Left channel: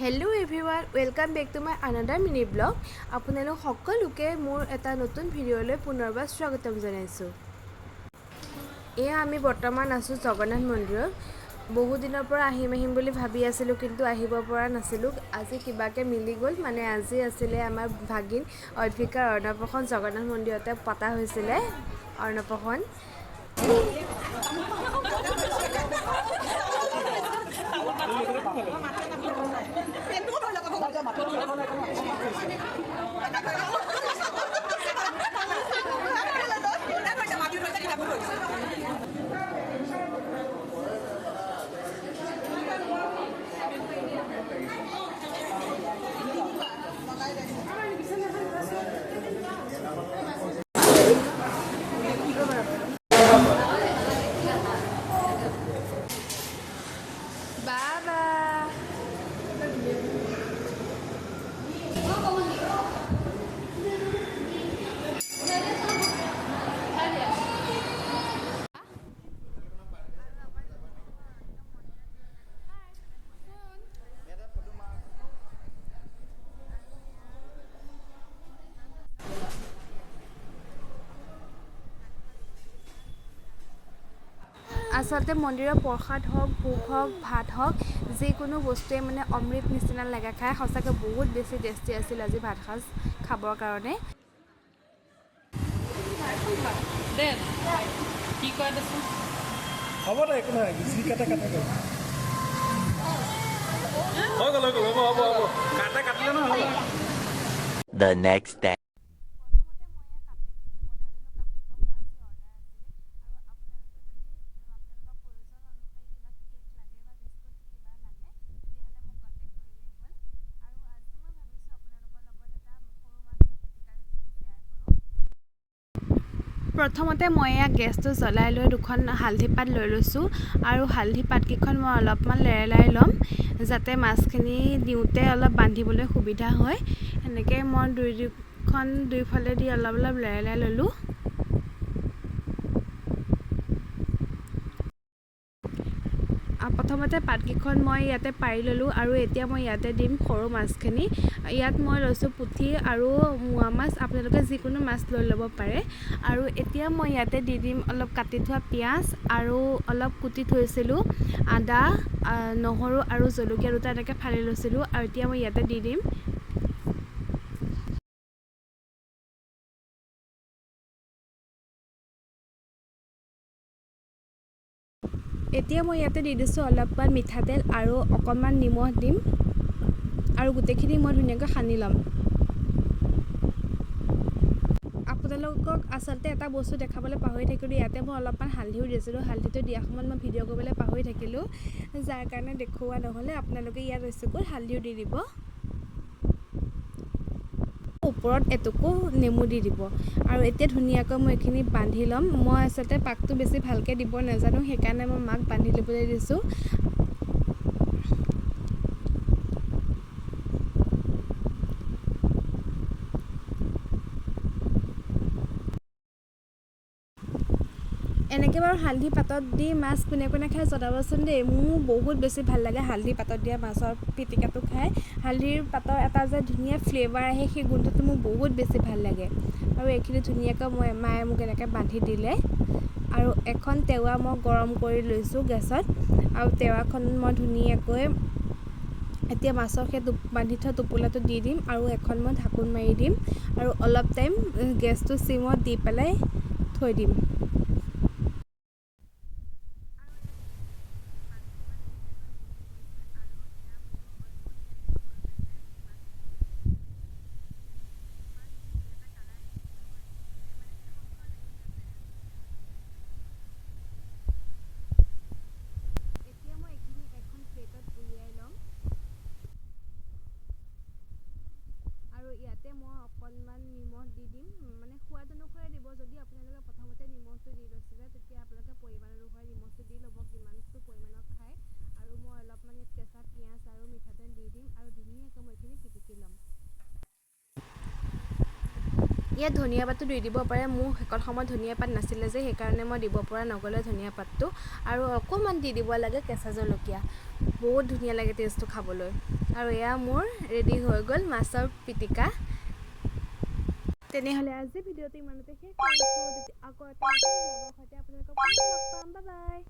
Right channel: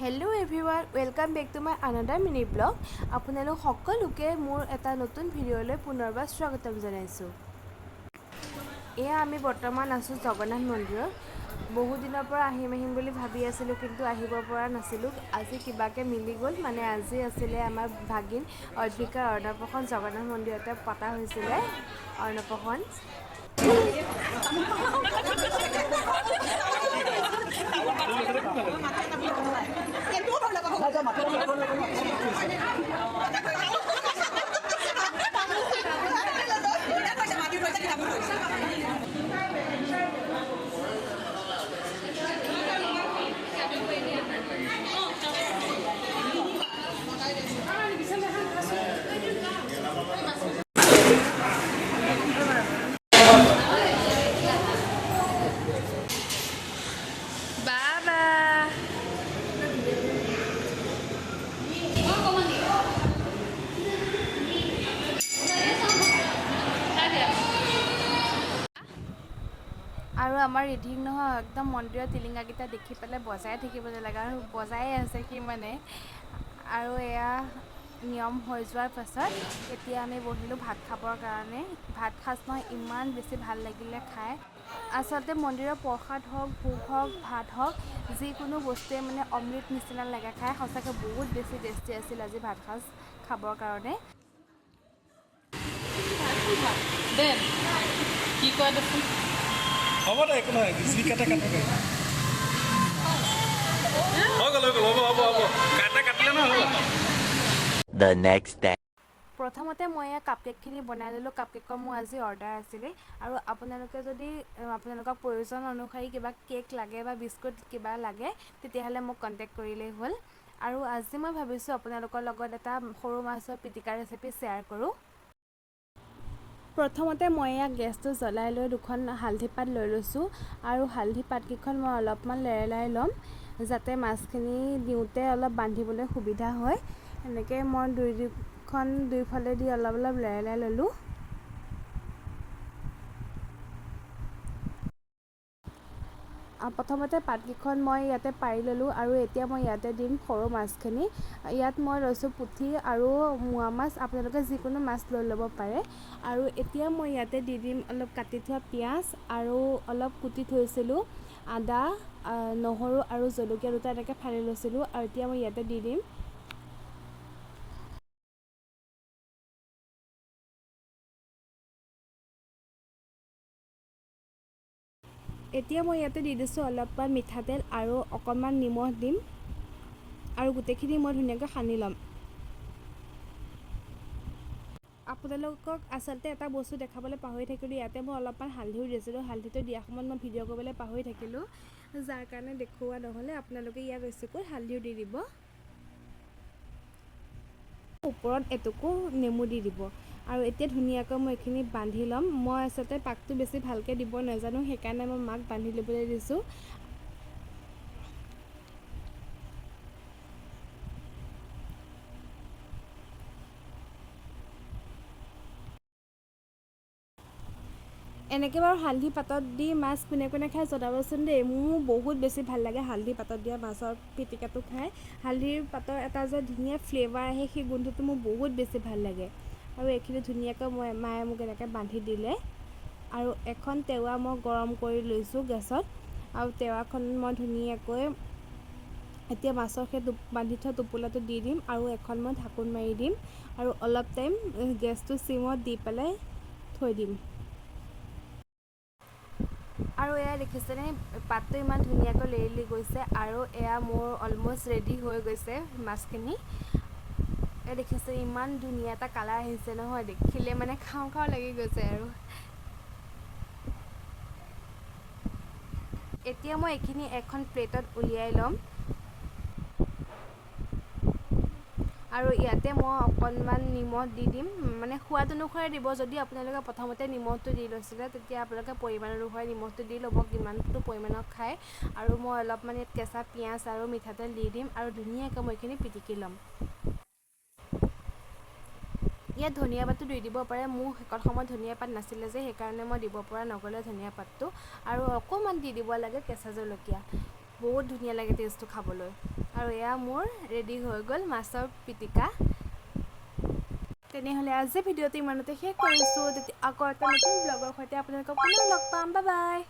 Hello' everyone, welcome back to my another mini blog. আপোনালোক সকলোকে মোৰ এটা নতুন ভিডিঅ'লৈ পুনৰবাৰ স্বাগতম জনাইছোঁ। এয়া আমি বৰ্তমান আছোঁ জগন্নাথ মন্দিৰত। বহুদিনৰ পৰা আহিম বুলি ভাবি আছিলোঁ, কিন্তু আহিব পৰা নাছিলোঁ। আজি কিবাকৈ মিলি গ'ল। মানে আজি আছিলে আমাৰ ভাগিন অদ্ভিকাৰ অন্নপ্ৰসন। জগন্নাথ মন্দিৰতে পতা হৈছিলে অন্নপ্ৰসন। আৰু আমাৰ ৰিধিক নহয়, একদম মন্দিৰৰ টিলিঙাকেইটা দেখি পেলাই বজাই থাকিব নালাগে, আৰু বজাই আছে কি মানে। আৰু এয়া নিয়ম হৈ যোৱাৰ পাছত এতিয়া আমি বহিলোঁ ভাত খাবৰ কাৰণে। ভাত সাজ নহয়, ইমান বেছি ভাল লাগিলে খাই। আচলতে মন্দিৰৰ প্ৰসাদ হওক, ভোগ হওক, ভাত হওক, যিকোনো বস্তুৱে মানে অমৃত নিচিনা লাগে খাই। সঁচাকৈ বহুত বেছি টেষ্টি আছিল আজি ভাত সাজ খাবৰ কাৰণে। কি কয় দেখোন, হ'ব দে, একো নহয়, যি কাটে কাটে হৈ গ'ল হ'ব কাটিলে নহয় হ'ব। The next day. প্ৰথমতে মই এয়া কাপকেকখিনি বনাই ল'লোঁ। কাপকেকৰ মোৰ আজি অৰ্ডাৰ আছিলে, আৰু আপোনালোকে যদি আপোনালোকক প্ৰয়োজন অনুসৰি কিবা কেক লাগে বা বিস্কুট কিবা লাগে, তেতিয়াহ'লে মোক কণ্টেক্ট কৰিলেই হ'ল। আৰু আজি মই ভাবিছোঁ আপোনালোকৰ লগত এটা সৰু মাছৰ পিটিকা ৰেচিপি শ্বেয়াৰ কৰোঁ। প্ৰথমতে মই এয়া গেছটো জ্বলাই লৈ দুখন হালধি পাত লৈ লৈছোঁ, আৰু হালধি পাতকেইখন মই অলপমান লেৰেলাই ল'ম, যাতে মাছখিনি দিওঁতে অলপ বান্ধিবলৈ সুবিধা হয়। এনেকৈ মই দুইফালেদি অলপ লেৰেলাই ল'লোঁ। প্ৰথমতে পাতকেইখন মই ইয়াতে পাৰি ল'লোঁ, আৰু এতিয়া মই ইয়াতে দিম সৰু মাছখিনি। ইয়াত মই লৈছোঁ পুঠি আৰু মোৱা মাছ, আপোনালোকে যিকোনো মাছ লৈ ল'ব পাৰে। আৰু এতিয়া মই ইয়াতে দি দিম অলপ কাটি থোৱা পিঁয়াজ, আৰু অলপ কুটি থৈছিলোঁ আদা, নহৰু আৰু জলকীয়া দুটা এনেকৈ ফালি লৈছিলোঁ, আৰু এতিয়া মই ইয়াতে দি দিম। এতিয়া মই ইয়াতে দি দিছোঁ অলপমান মিঠাতেল আৰু অকণমান নিমখ দিম, আৰু গোটেইখিনি মই ধুনীয়াকৈ সানি ল'ম। আপোনালোকক আচলতে এটা বস্তু দেখাবলৈ পাহৰি থাকিলোঁ, ইয়াতে মই অলপমান হালধিও দিছিলোঁ। হালধিটো দিয়াৰ সময়ত মই ভিডিঅ' কৰিবলৈ পাহৰি থাকিলোঁ, যাৰ কাৰণে দেখুওৱা নহ'লে। আপোনালোকে ইয়াত বেছিকৈ হালধিও দি দিব, ওপৰত এটুকু নেমু দি দিব। আৰু এতিয়া ধুনীয়াকৈ মই এইখিনি বান্ধি ল'ম। মই আচলতে পাকটো বেছি ভালকৈ দিব নাজানো, সেইকাৰণে মই মাক বান্ধি ল'বলৈ দিছোঁ। এনেকৈ বাৰু হালধি পাতত দি মাছ কোনে কোনে খাই জনাবচোন দেই। মোৰ বহুত বেছি ভাল লাগে হালধি পাতত দিয়া মাছৰ পিটিকাটো খাই। হালধিৰ পাতৰ এটা যে ধুনীয়া ফ্লেভাৰ আহে, সেই গোন্ধটো মোৰ বহুত বেছি ভাল লাগে। আৰু এইখিনি ধুনীয়াকৈ মায়ে মোক এনেকৈ বান্ধি দিলে। আৰু এখন টেৱা মই গৰম কৰি লৈছোঁ গেছত, আৰু টেৱাখন মই ধুনীয়াকৈ এতিয়া মাছৰ সেই বান্ধি থোৱা টোপোলাটো দি দিম, আৰু এখন মই ঢাকোন মাৰি দিম, আৰু অলপ টাইম গেছটো চিমত দি পেলাই থৈ দিম। আৰু এয়া দেখিছেনে, পাতটো ইমান ধুনীয়াকৈ লেৰেলি গৈছে, আৰু এয়া মোৰ অলম'ষ্ট ৰেডি হৈ গৈছে মাছখিনি। এয়া দেখিছে, ইমান ধুনীয়া এটা কালাৰ আহিছে নহয়, দেখিলে মানে খাওঁ খাওঁ লাগি গৈছে। আৰু এতিয়া মই এইখিনি এখন প্লেটত উলিয়াই ল'ম, আৰু ইয়াতে মই অকণমান নিমখ দি দিম, মানে সোৱাদ অনুসাৰে দিব। যদি আপোনালোকে প্ৰথমতে নিমখটো দি লৈছিলে, তেতিয়া আপোনালোকে পৰিমাণ অনুসাৰে নিমখটো দি ল'ব, কিমানটো পৰিমাণৰ খায়। আৰু মই অলপমান ইয়াত কেঁচা পিঁয়াজ আৰু মিঠাতেল দি দিম, আৰু ধুনীয়াকৈ মই এইখিনি পিটিকি ল'ম। ইয়াত ধনিয়া পাতো দি দিব পাৰে। মোৰ সেইকণ সময়ত ধনিয়া পাত নাছিলে যে, সেইকাৰণে মই দিব পৰা নগ'লে ধনিয়া পাতটো। আৰু অকণমান দি দিব লাগে কেঁচা জলকীয়া। বহুত ধুনীয়া লাগে টেষ্টটো খাবলৈ। আৰু এয়া মোৰ ৰেডি হৈ গ'ল মাছৰ পিটিকা। তেনেহ'লে আজি ভিডিঅ'টো ইমানতে শেষ কৰিছোঁ। আকৌ এটা নতুন ব্লগৰ সৈতে আপোনালোকক পুনৰ লগ পাম। Bye bye.